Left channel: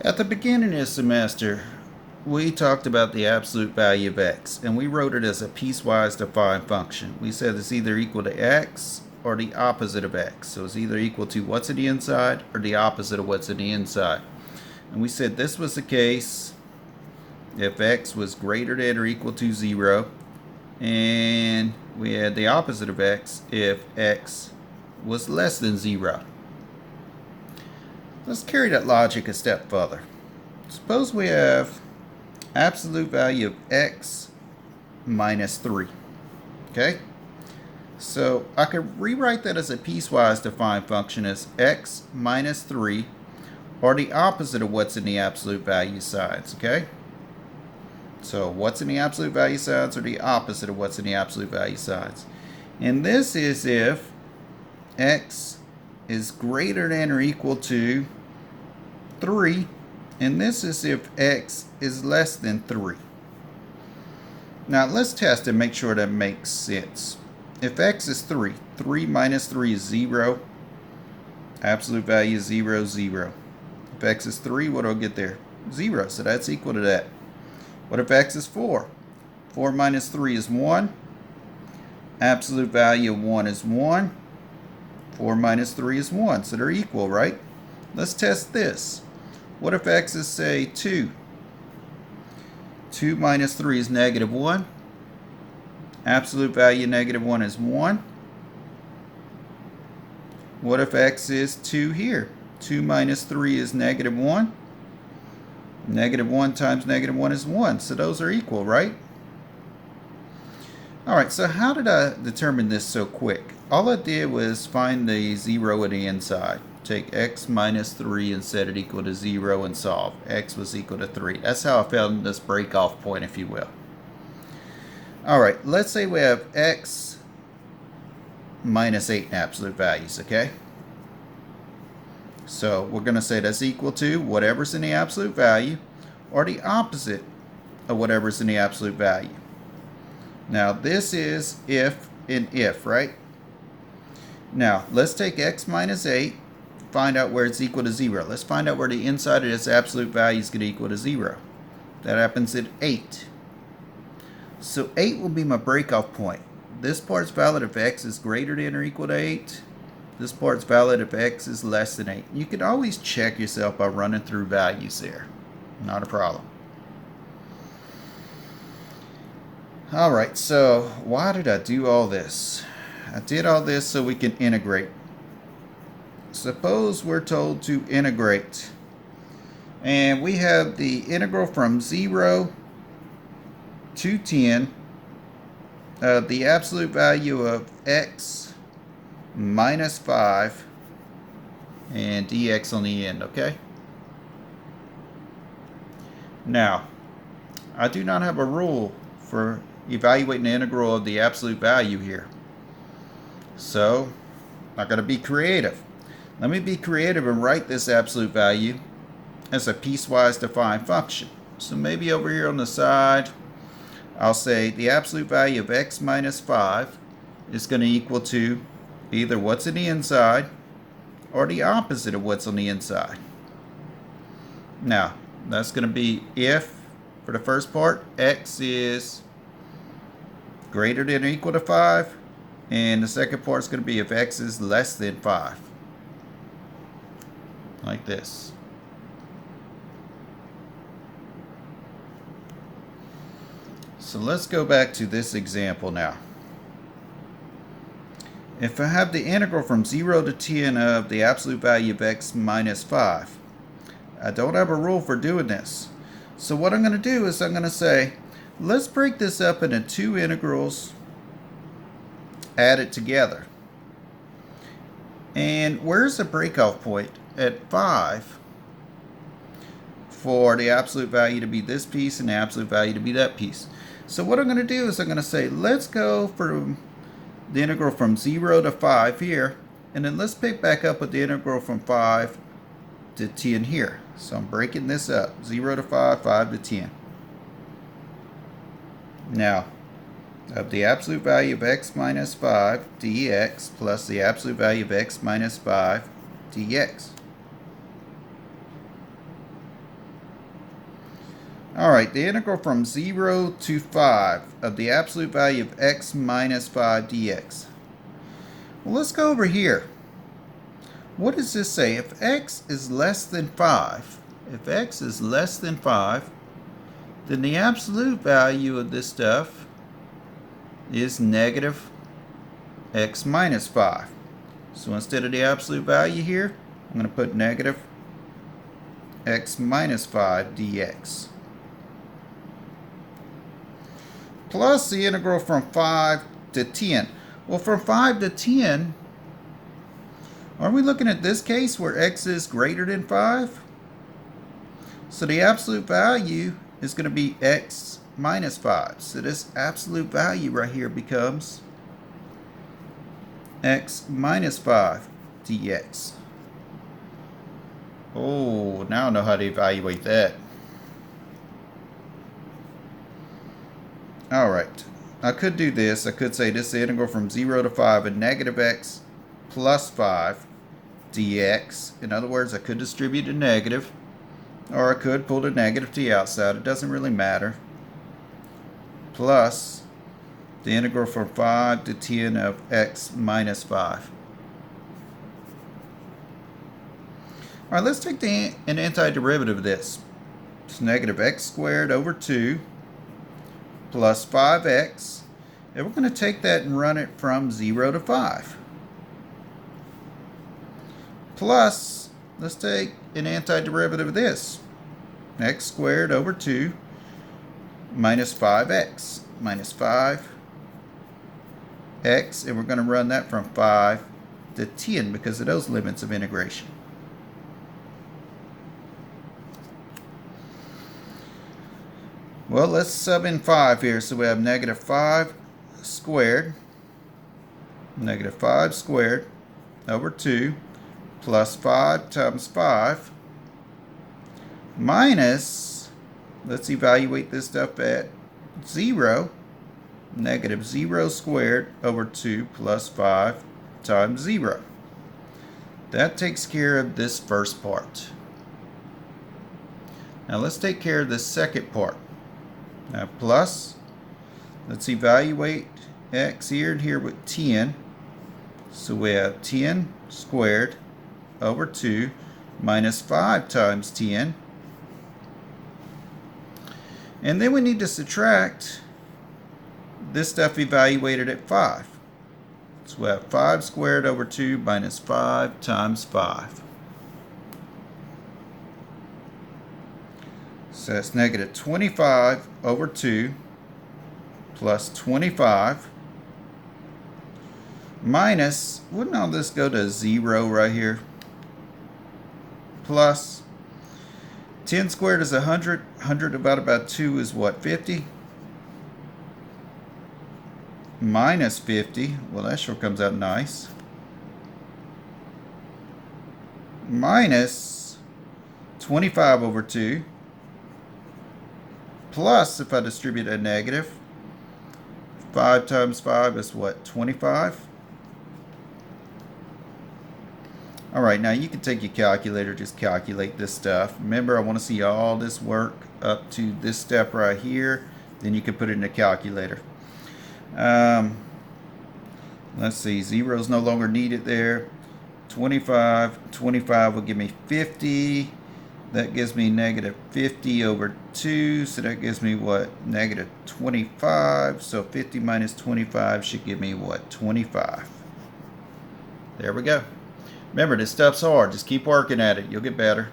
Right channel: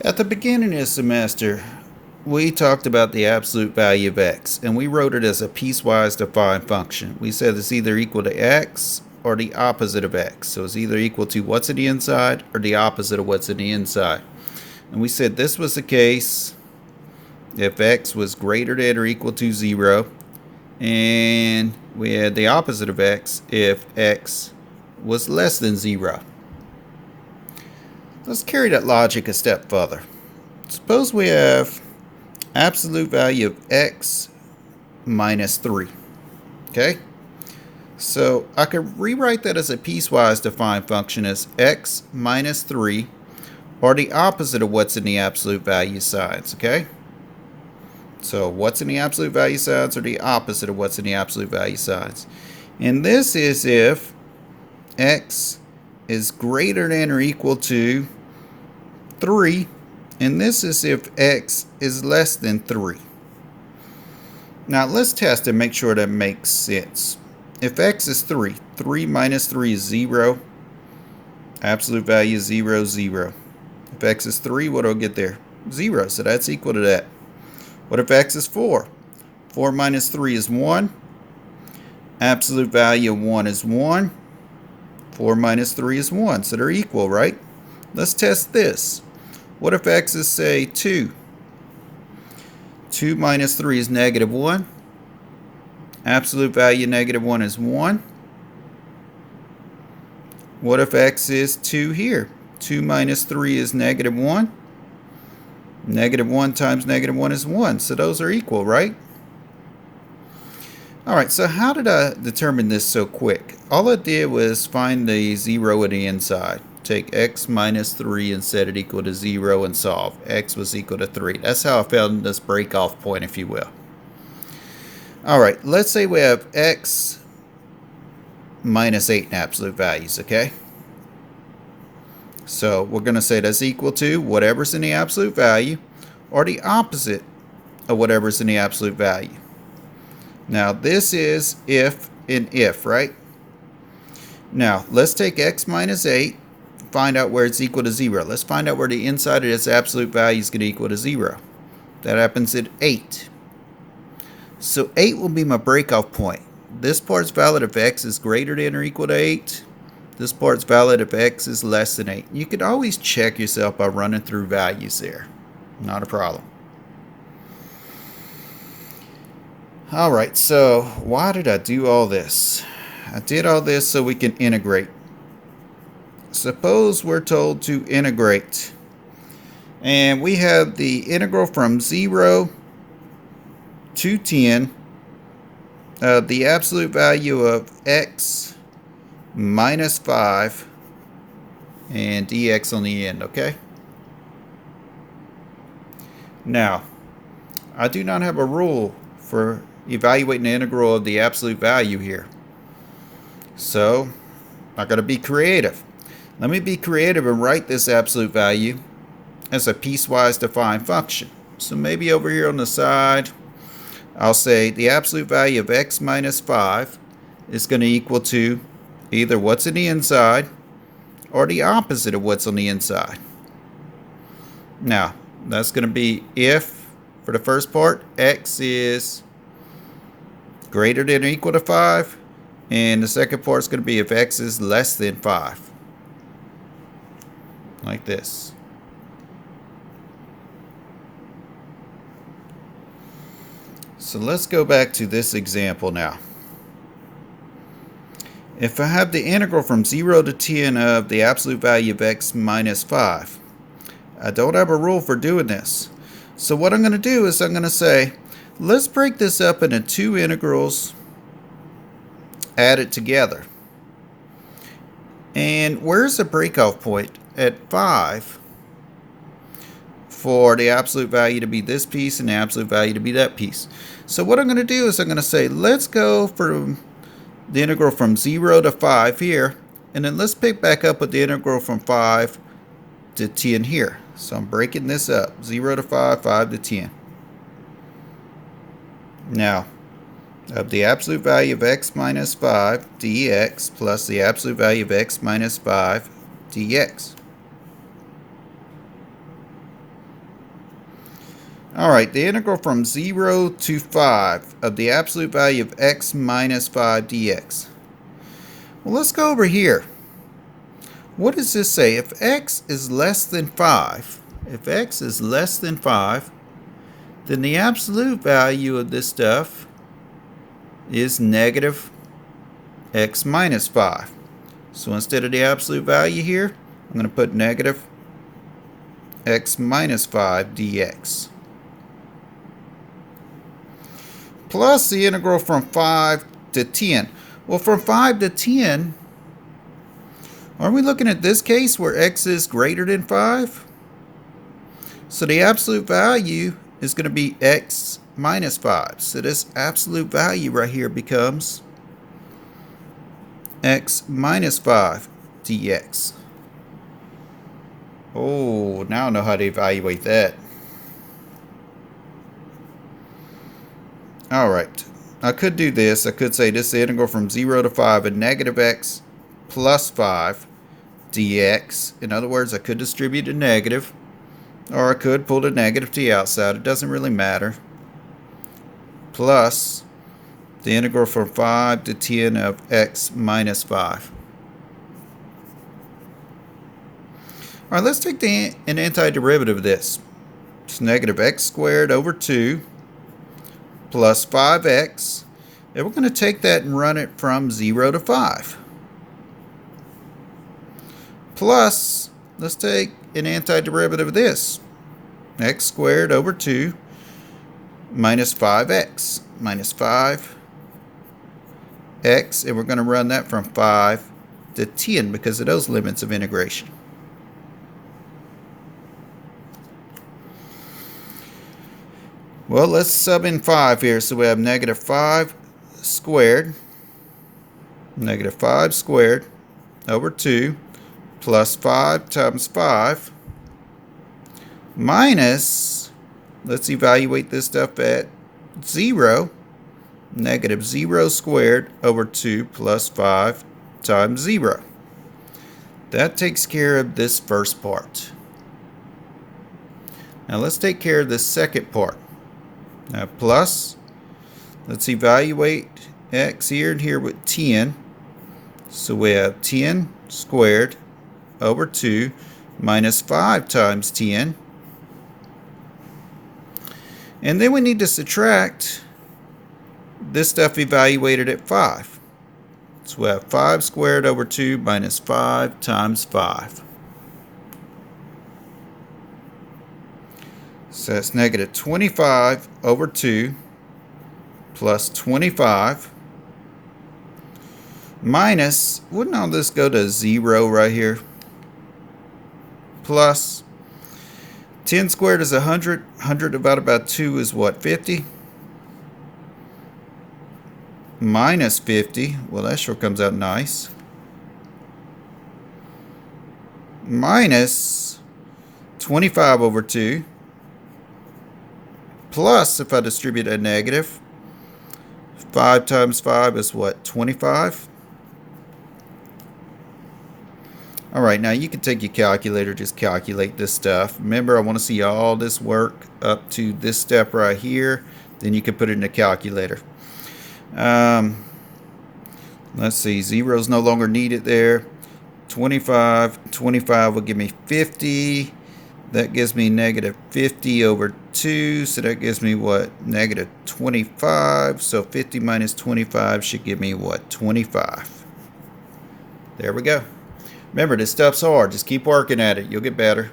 At the beginning of the semester, we talked about the absolute value of x, and we wrote it as a piecewise defined function. We said it's either equal to x or the opposite of x. So it's either equal to what's in the inside or the opposite of what's in the inside. And we said this was the case if x was greater than or equal to 0, and we had the opposite of x if x was less than 0. Let's carry that logic a step further. Suppose we have absolute value of x minus 3. Okay? So I could rewrite that as a piecewise defined function as x minus 3, or the opposite of what's in the absolute value signs. Okay? So what's in the absolute value signs or the opposite of what's in the absolute value signs. And this is if x is greater than or equal to 3, and this is if x is less than 3. Now let's test and make sure that makes sense. If x is 3, 3 minus 3 is 0. Absolute value is 0, 0. If x is 3, what do I get there? 0, so that's equal to that. What if x is 4? 4 minus 3 is 1. Absolute value of 1 is 1. 4 minus 3 is 1, so they're equal, right? Let's test this. What if x is, say, 2? 2 minus 3 is negative 1. Absolute value negative 1 is 1. What if x is 2 here? 2 minus 3 is negative 1. Negative 1 times negative 1 is 1, so those are equal, right? Alright, so how did I determine this so quick? All I did was find the 0 at the inside. Take x minus 3 and set it equal to 0 and solve. X was equal to 3. That's how I found this break-off point, if you will. Alright, let's say we have x minus 8 in absolute values, okay? So we're going to say that's equal to whatever's in the absolute value or the opposite of whatever's in the absolute value. Now this is if and if, right? Now let's take x minus 8, find out where it's equal to 0. Let's find out where the inside of this absolute value is going to equal to 0. That happens at 8. So 8 will be my breakoff point. This part's valid if x is greater than or equal to 8. This part's valid if x is less than 8. You can always check yourself by running through values there. Not a problem. Alright, so why did I do all this? I did all this so we can integrate. Suppose we're told to integrate. And we have the integral from 0 to 10 of the absolute value of x minus 5 and dx on the end, okay? Now, I do not have a rule for evaluating the integral of the absolute value here. So, I got to be creative. Let me be creative and write this absolute value as a piecewise defined function. So maybe over here on the side, I'll say the absolute value of x minus 5 is going to equal to either what's in the inside or the opposite of what's on the inside. Now, that's going to be if, for the first part, x is greater than or equal to 5, and the second part is going to be if x is less than 5. Like this. So let's go back to this example now. If I have the integral from 0 to 10 of the absolute value of x minus 5, I don't have a rule for doing this. So what I'm going to do is I'm going to say, let's break this up into two integrals added together. And where's the breakoff point? At 5 for the absolute value to be this piece and the absolute value to be that piece. So what I'm going to do is I'm going to say, let's go from the integral from 0 to 5 here, and then let's pick back up with the integral from 5 to 10 here. So I'm breaking this up, 0 to 5, 5 to 10. Now, of the absolute value of x minus 5 dx plus the absolute value of x minus 5 dx. Alright, the integral from 0 to 5 of the absolute value of x minus 5 dx. Well, let's go over here. What does this say? If x is less than 5, if x is less than 5, then the absolute value of this stuff is negative x minus 5. So instead of the absolute value here, I'm going to put negative x minus 5 dx. Plus the integral from 5 to 10. Well, from 5 to 10, are we looking at this case where x is greater than 5? So the absolute value is going to be x minus 5. So this absolute value right here becomes x minus 5 dx. Oh, now I know how to evaluate that. Alright, I could do this. I could say this is the integral from 0 to 5 of negative x plus 5 dx. In other words, I could distribute a negative, or I could pull the negative to the outside. It doesn't really matter. Plus the integral from 5 to 10 of x minus 5. Alright, let's take an antiderivative of this. It's negative x squared over 2 plus 5x, and we're going to take that and run it from 0 to 5. Plus, let's take an antiderivative of this. X squared over 2 minus 5x minus 5x, and we're going to run that from 5 to 10 because of those limits of integration. Well, let's sub in 5 here. So we have negative 5 squared, negative 5 squared over 2 plus 5 times 5 minus, let's evaluate this stuff at 0, negative 0 squared over 2 plus 5 times 0. That takes care of this first part. Now let's take care of this second part. Now plus, let's evaluate x here and here with 10. So we have 10 squared over 2 minus 5 times 10. And then we need to subtract this stuff evaluated at 5. So we have 5 squared over 2 minus 5 times 5. So that's negative 25 over 2 plus 25 minus, wouldn't all this go to 0 right here? Plus 10 squared is 100. 100 divided by 2 is what, 50? Minus 50. Well, that sure comes out nice. Minus 25 over 2. Plus, if I distribute a negative, 5 times 5 is what, 25? Alright, now you can take your calculator, just calculate this stuff. Remember, I want to see all this work up to this step right here. Then you can put it in the calculator. Let's see, 0 is no longer needed there. 25 will give me 50. That gives me negative 50 over 2, so that gives me what? Negative 25. So 50 minus 25 should give me what? 25. There we go. Remember, this stuff's hard. Just keep working at it. You'll get better.